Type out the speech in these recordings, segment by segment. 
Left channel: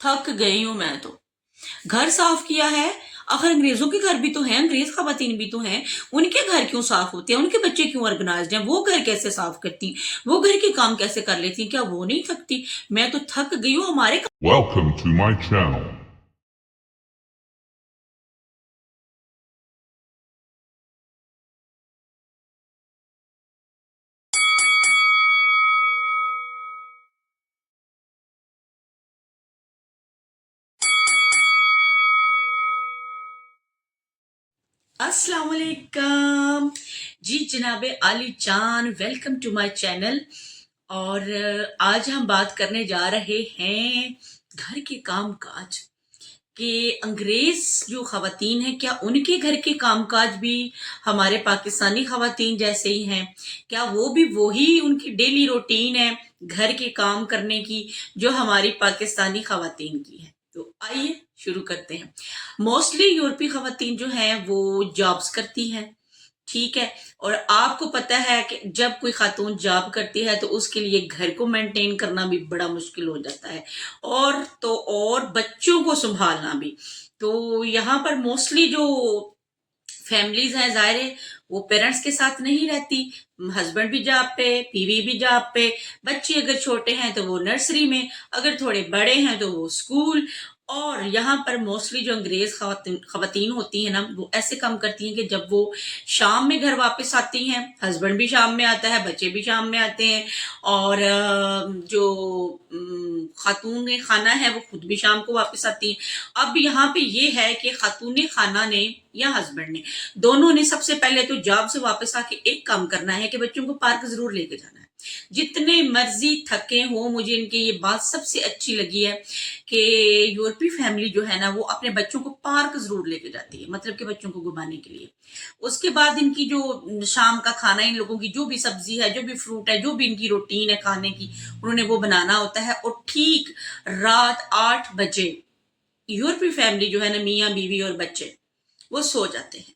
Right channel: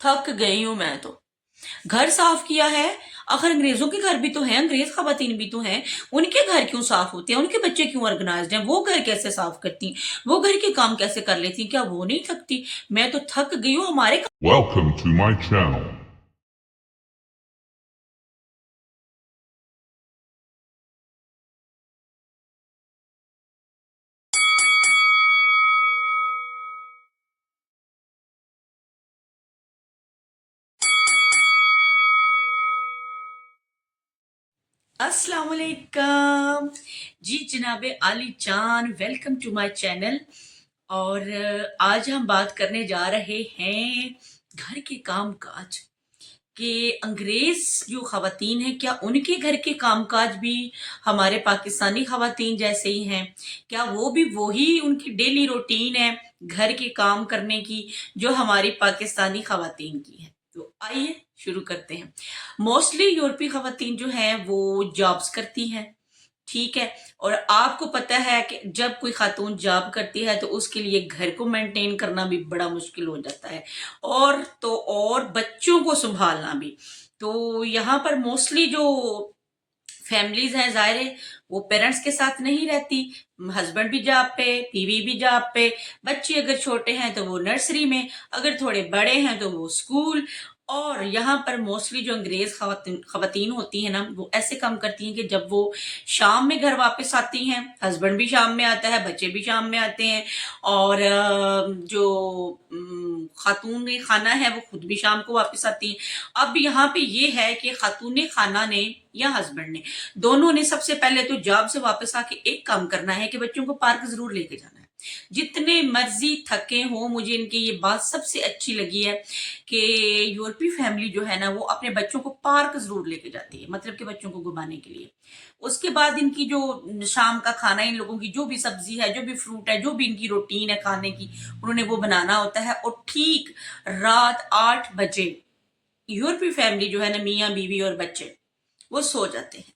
थक गई हूं मैं तो। घर साफ किया है, आखिर अंग्रेजों के घर भी तो हैं, अंग्रेज खवातीन भी तो हैं, उनके घर क्यों साफ होते हैं, उनके बच्चे क्यों ऑर्गेनाइज्ड हैं, वो घर कैसे साफ करती, वो घर के काम कैसे कर लेती, क्या वो नहीं थकती? मैं तो थक गई हूँ हमारे। Welcome to my channel. अस्सलाम वालेकुम जी, जनाबे आली जान, वेलकम टू माय चैनल। और आज हम बात करने जा रहे हैं घर के काम काज कि अंग्रेज जो खवातीन हैं, क्या उनके घर के कामकाज भी हमारे पाकिस्तानी खवातीन जैसे ही हैं? क्या वो भी वही उनकी डेली रूटीन है घर के काम करने की जो हमारी पाकिस्तानी खवातीन की है? तो आइए शुरू करते हैं। मोस्टली यूरोपीय खवातीन जो हैं वो जॉब्स करती हैं, ठीक है। और आपको पता है कि जब कोई खातून जॉब करती है तो उसके लिए घर को मेंटेन करना भी बड़ा मुश्किल हो जाता है, और बच्चों को संभालना भी। तो यहाँ पर मोस्टली जो फैमिलीज हैं, जाहिर है वो पेरेंट्स के साथ नहीं रहती। हस्बैंड भी जॉब पे, बीवी भी जॉब पे, बच्चे अगर छोटे हैं तो वो नर्सरी में, अगर थोड़े बड़े हैं तो वो स्कूल। और यहाँ पर मोस्टली जो अंग्रेज खवातीन होती हैं ना, वो ऐसे काम करती हैं कि जब वो शाम में घर वापस आती हैं, हस्बैंड भी शाम में आता है, बच्चे भी शाम में आते हैं, और जो खातून खाना है वो खुद भी शाम को वापस आती हैं। अब यहाँ पे ये है कि खातून खाना ने या हस्बैंड ने, दोनों ने सबसे पहले तो जॉब से वापस आके एक काम करना है कि बच्चों को पार्क जरूर लेके जाना है। जितने मर्जी थके हो, मुझे इनकी ये बात सबसे अच्छी लगी है कि यूरोपीय फैमिली जो है ना, वो अपने बच्चों को पार्क जरूर लेके जाती है, मतलब कि बच्चों को घुमाने के लिए। उसके बाद इनकी जो शाम का खाना, इन लोगों की जो भी सब्जी है, जो भी फ्रूट है, जो भी इनकी रूटीन है खाने की, उन्होंने वो बनाना होता है। और ठीक रात 8 बजे यूरोपीय फैमिली जो है ना, मियाँ बीवी और बच्चे, वो सो जाते हैं।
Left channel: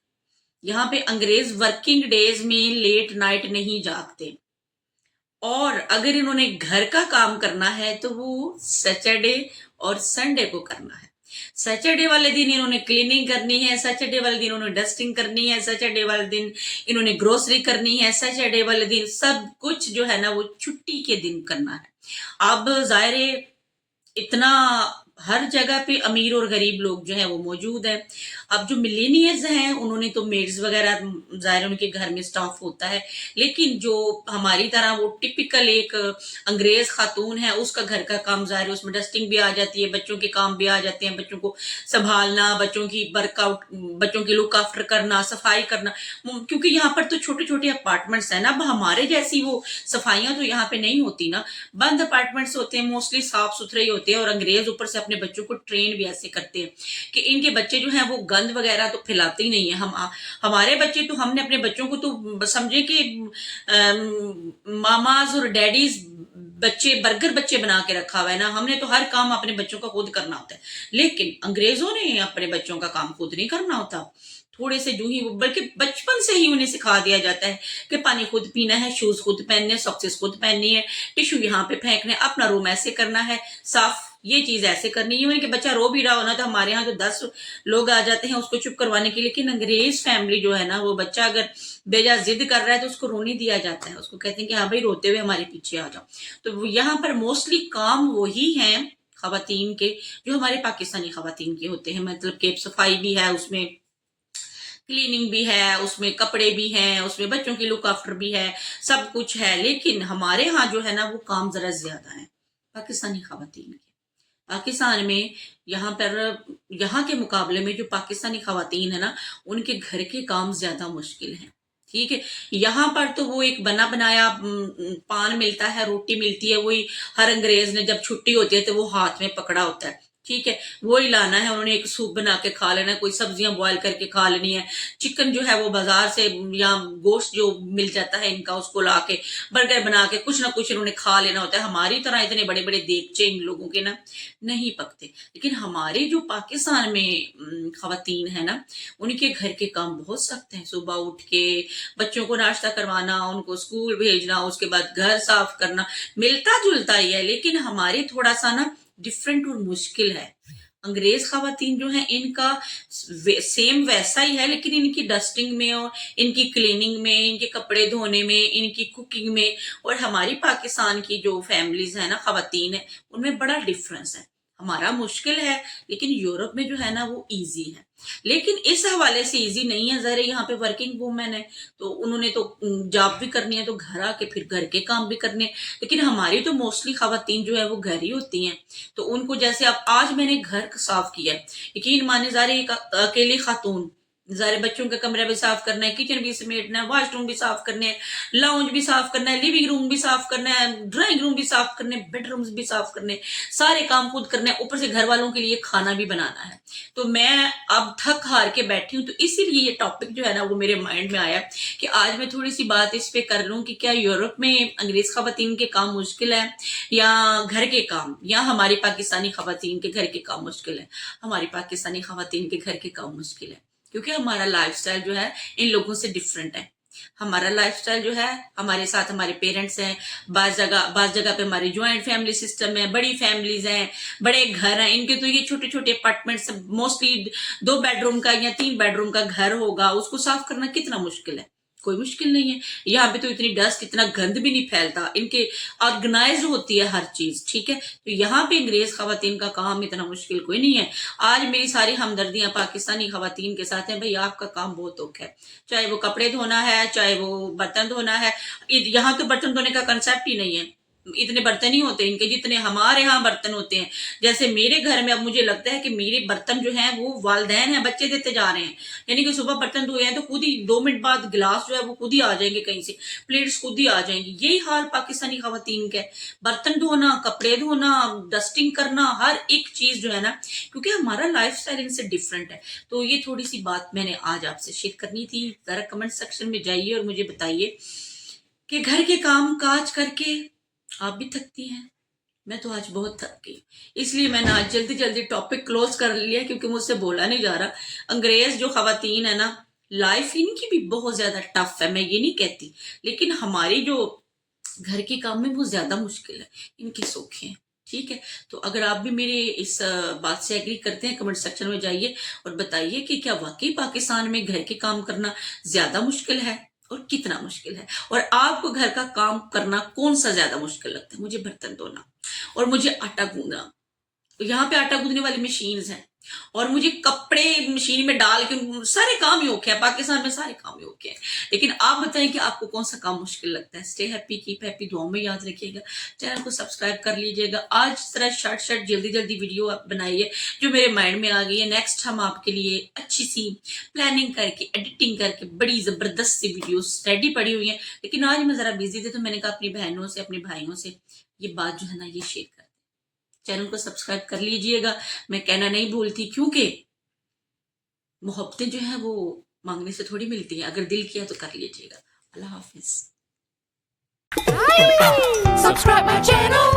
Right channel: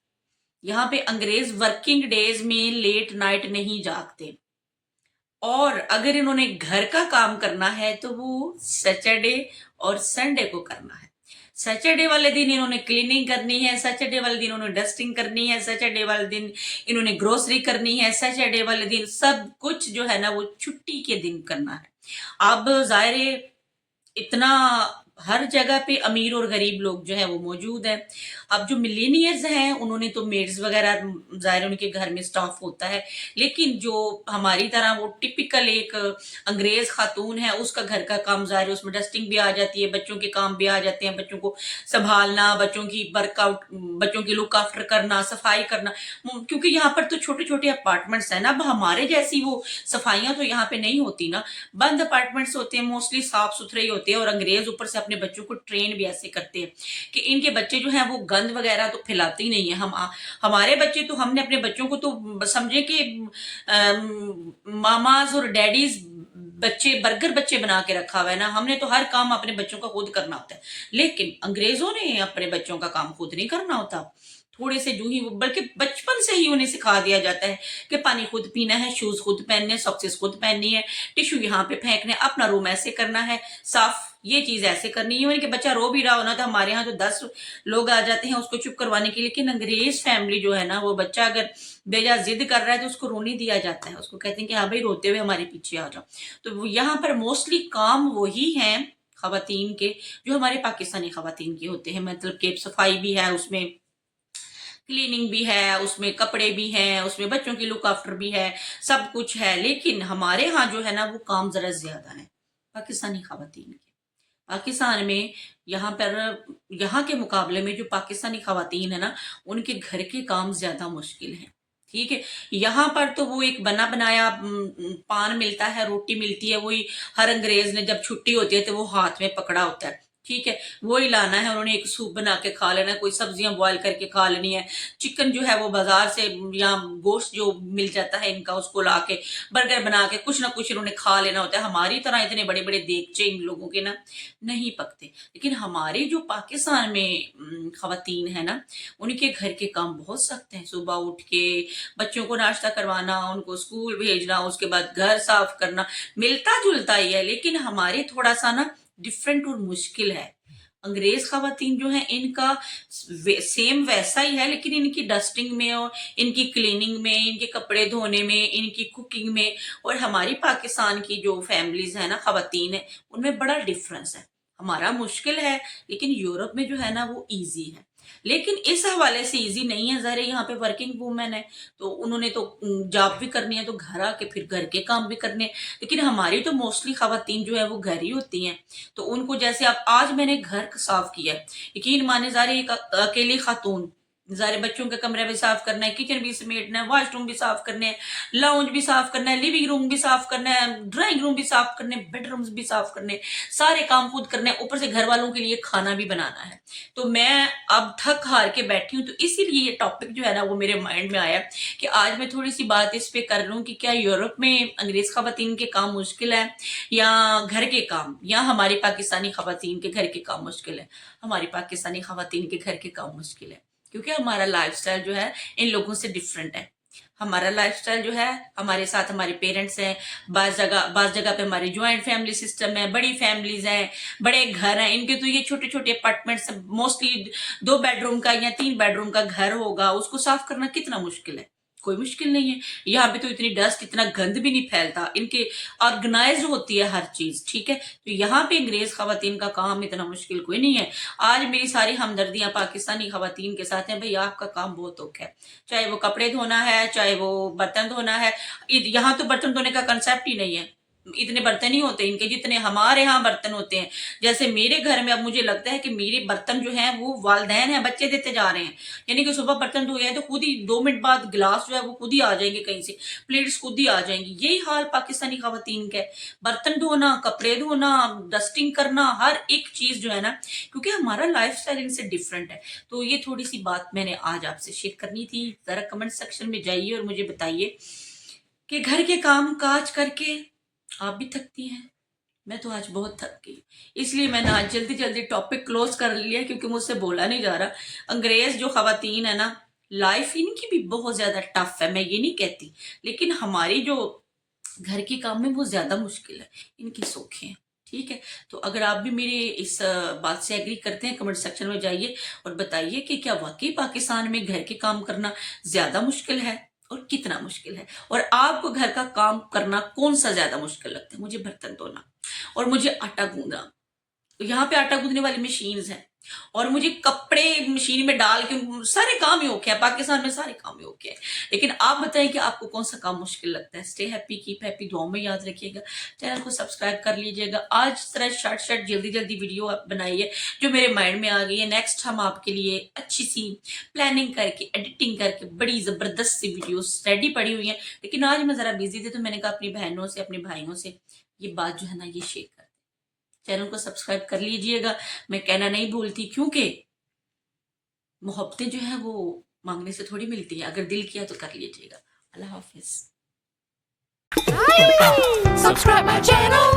यहाँ पे अंग्रेज वर्किंग डेज में लेट नाइट नहीं जागते, और अगर इन्होंने घर का काम करना है तो वो सैटरडे और संडे को करना है। सैटरडे वाले दिन इन्होंने क्लीनिंग करनी है, सैटरडे वाले दिन इन्होंने डस्टिंग करनी है, सैटरडे वाले दिन इन्होंने ग्रोसरी करनी है, सैटरडे वाले दिन सब कुछ जो है ना वो छुट्टी के दिन करना है। अब जाहिर है इतना हर जगह पे अमीर और गरीब लोग जो है वो मौजूद है। अब जो मिलेनियर्स हैं उन्होंने तो मेड्स वगैरह, जाहिर उनके घर में स्टाफ होता है, लेकिन जो हमारी तरह वो टिपिकल एक अंग्रेज खातून है, उसका घर का काम जाहिर है, उसमें डस्टिंग भी आ जाती है, बच्चों के काम भी आ जाते हैं, बच्चों को संभालना, बच्चों की वर्कआउट, बच्चों की लुक आफ्टर करना, सफाई करना। क्योंकि यहाँ पर तो छोटे छोटे अपार्टमेंट्स है ना, अब हमारे जैसी वो सफाइयां तो यहाँ पे नहीं होती ना, बंद अपार्टमेंट्स होते हैं, मोस्टली साफ सुथरे ही होते हैं। और अंग्रेज ऊपर से अपने बच्चों को ट्रेन भी ऐसे करते हैं कि इनके बच्चे जो हैं वो गंद वगैरह तो फैलाते ही नहीं है। हमारे बच्चे तो, हमने अपने बच्चों को तो समझे कि मामाज और डैडीज बच्चे, बर्गर बच्चे बना के रखा हुआ है ना, हमने तो हर काम अपने बच्चों का खुद करना होता है। लेकिन अंग्रेजों ने अपने बच्चों का काम खुद नहीं करना होता। थोड़े से जो ही, बल्कि बचपन से ही उन्हें सिखा दिया जाता है कि पानी खुद पीना है, शूज खुद पहनने, सॉक्सेस खुद पहननी है, टिश्यू यहाँ पे फेंकने, अपना रूम ऐसे करना है साफ, ये चीज ऐसे करनी है। कि बच्चा रो भी रहा हो ना, तो हमारे यहाँ तो 10 लोग आ जाते हैं उसको चुप करवाने के लिए। लेकिन अंग्रेज फैमिली जो है ना, वो बच्चा अगर बेजा जिद कर रहा है तो उसको रोने दिया जाता है, उसको कहते हैं कि हाँ भाई रोते हुए हमारे पीछे आ जाओ। तो यहाँ पर मोस्टली काम वही है खवातीन के जो हमारे पाकिस्तानी खवातीन के होते हैं, मतलब कि सफाई भी है उसमें, क्लीनिंग भी है उसमें, कपड़े भी हैं उसमें, बच्चों की लुक आफ्टर भी है, सब कुछ है। लेकिन हमारे यहाँ जो है ना वो काम जरा ज्यादा है पाकिस्तानी खवातीन के। पाकिस्तान में यहाँ पर, यहाँ के मुकाबले में जो पाकिस्तानी खवातीन है ना, उनके घर के काम ज्यादा मुश्किल हैं, ठीक है। यहाँ पर तो वो एक बना बनाया पान मिलता है, रोटी मिलती है, वही हर अंग्रेज ने जब छुट्टी होती है तो वो हाथ में पकड़ा होता है, ठीक है, वही लाना है उन्होंने, एक सूप बना के खा लेना है, कोई सब्जियां बॉयल करके खा लेनी है, चिकन जो है वो बाजार से या गोश्त जो मिल जाता है इनका, उसको ला के बर्गर बना के कुछ ना कुछ इन्होंने खा लेना होता है। हमारी तरह इतने बड़े बड़े देगचे इन लोगों के ना नहीं पकते। लेकिन हमारे जो पाकिस्तान में खवातीन है ना, उनके घर के काम बहुत सख्त हैं। सुबह उठ के बच्चों को नाश्ता करवाना, उनको स्कूल भेजना, उसके बाद घर साफ करना, मिलता जुलता ही है, लेकिन हमारे थोड़ा सा ना डिफरेंट और मुश्किल है। अंग्रेज खवातीन जो हैं इनका सेम वैसा ही है, लेकिन इनकी डस्टिंग में और इनकी क्लीनिंग में, इनके कपड़े धोने में, इनकी कुकिंग में और हमारी पाकिस्तान की जो फैमिलीज है ना, खवातीन है, उनमें बड़ा डिफरेंस है। हमारा मुश्किल है लेकिन यूरोप में जो है ना वो इजी है। लेकिन इस हवाले से इजी नहीं है, जरा यहाँ पे वर्किंग वूमेन है तो उन्होंने तो जॉब भी करनी है, तो घर आके फिर घर के काम भी करने हैं। लेकिन हमारी तो मोस्टली खवातीन जो है वो घर ही होती हैं, तो उनको जैसे अब आज मैंने घर साफ किया है, यकीन माने ज़ारे एक अकेली खातून, ज़ारे बच्चों के कमरा भी साफ करना है, किचन भी समेटना है, वॉशरूम भी साफ करने हैं, लाउंज भी साफ करना है, लिविंग रूम भी साफ करना है, ड्राइंग रूम भी साफ करने, बेडरूम्स भी साफ करने, सारे काम खुद करने हैं, ऊपर से घर वालों के लिए खाना भी बनाना है। तो मैं अब थक हार के बैठी हूँ, तो इसीलिए ये टॉपिक जो है ना वो मेरे माइंड में आया कि आज मैं थोड़ी सी बात इस पे कर लूँ कि क्या यूरोप में अंग्रेज खवातीन के काम मुश्किल है या घर के काम, या हमारी पाकिस्तानी खवातीन के घर के काम मुश्किल है। हमारी पाकिस्तानी खवातीन के घर के काम मुश्किल है क्योंकि हमारा लाइफस्टाइल जो है इन लोगों से डिफरेंट है। हमारा लाइफस्टाइल जो है, हमारे साथ हमारे पेरेंट्स हैं, बाज जगह पे हमारी ज्वाइंट फैमिली सिस्टम है, बड़ी फैमिलीज हैं, बड़े घर हैं। इनके तो ये छोटे छोटे अपार्टमेंट्स, मोस्टली 2 बेडरूम का या 3 बेडरूम का घर होगा, उसको साफ करना कितना मुश्किल है? कोई मुश्किल नहीं है। यहाँ पे तो इतनी डस्ट, इतना गंद भी नहीं फैलता, इनके ऑर्गेनाइज होती है हर चीज, ठीक है। तो यहाँ पे अंग्रेज खवातीन का काम इतना मुश्किल कोई नहीं है। आज मेरी सारी हमदर्दियां पाकिस्तानी खवातीन के साथ हैं, भाई आपका काम बहुत औखा है, चाहे वो कपड़े धोना है, चाहे वो बर्तन धोना है। यहाँ तो बर्तन धोने का कंसेप्ट ही नहीं है, इतने बर्तन ही होते हैं इनके जितने हमारे यहाँ बर्तन होते हैं। जैसे मेरे घर में अब मुझे लगता है कि मेरे बर्तन जो हैं वो वालदैन हैं, बच्चे देते जा रहे हैं। यानी कि सुबह बर्तन धोए हैं तो खुद ही 2 मिनट बाद गिलास जो है वो खुद ही आ जाएंगे, कहीं से प्लेट्स खुद ही आ जाएंगी। यही हाल पाकिस्तानी खवातीन का है, बर्तन धोना, कपड़े धोना, डस्टिंग करना, हर एक चीज जो है ना, क्योंकि हमारा लाइफ स्टाइल इनसे डिफरेंट है। तो ये थोड़ी सी बात मैंने आज आपसे शेयर करनी थी। जरा कमेंट सेक्शन में जाइए और मुझे बताइए कि घर के काम काज करके आप भी थकती हैं। मैं तो आज बहुत थक गई, इसलिए मैंने आज जल्दी जल्दी टॉपिक क्लोज कर लिया क्योंकि मुझसे बोला नहीं जा रहा। अंग्रेज जो खवातीन है ना, लाइफ इनकी भी बहुत ज्यादा टफ है, मैं ये नहीं कहती, लेकिन हमारी जो घर के काम में वो ज्यादा मुश्किल है, इनकी सौखे हैं, ठीक है। तो अगर आप भी मेरे इस बात से एग्री करते हैं, कमेंट सेक्शन में जाइए और बताइए कि क्या वाकई पाकिस्तान में घर के काम करना ज्यादा मुश्किल है और कितना मुश्किल है, और आपको घर का काम करना कौन सा ज्यादा मुश्किल लगता है। मुझे बर्तन धोना और मुझे आटा गूंदना, तो यहाँ पे आटा गूंदने वाली मशीन्स हैं, और मुझे कपड़े मशीन में डाल के सारे काम ही ओके है, पाकिस्तान में सारे काम ही ओके है। लेकिन आप बताएं कि आपको कौन सा काम मुश्किल लगता है। स्टे हैप्पी, कीप हैप्पी, दुआओं में याद रखिएगा, चैनल को सब्सक्राइब कर लीजिएगा। आज इस तरह शॉर्ट जल्दी जल्दी वीडियो आप बनाइए जो मेरे माइंड में आ गई है। नेक्स्ट हम आपके लिए अच्छी सी प्लानिंग करके, एडिटिंग करके बड़ी जबरदस्त सी वीडियो रेडी पड़ी हुई है। लेकिन आज मैं जरा बिजी थी तो मैंने कहा अपनी बहनों से, अपने भाइयों से ये बात जो है ना ये शेयर कर। चैनल को सब्सक्राइब कर लीजिएगा, मैं कहना नहीं भूलती, क्योंकि मोहब्बतें जो है वो मांगने से थोड़ी मिलती है, अगर दिल किया तो कर लीजिएगा। अल्लाह हाफिज। Subscribe my channel.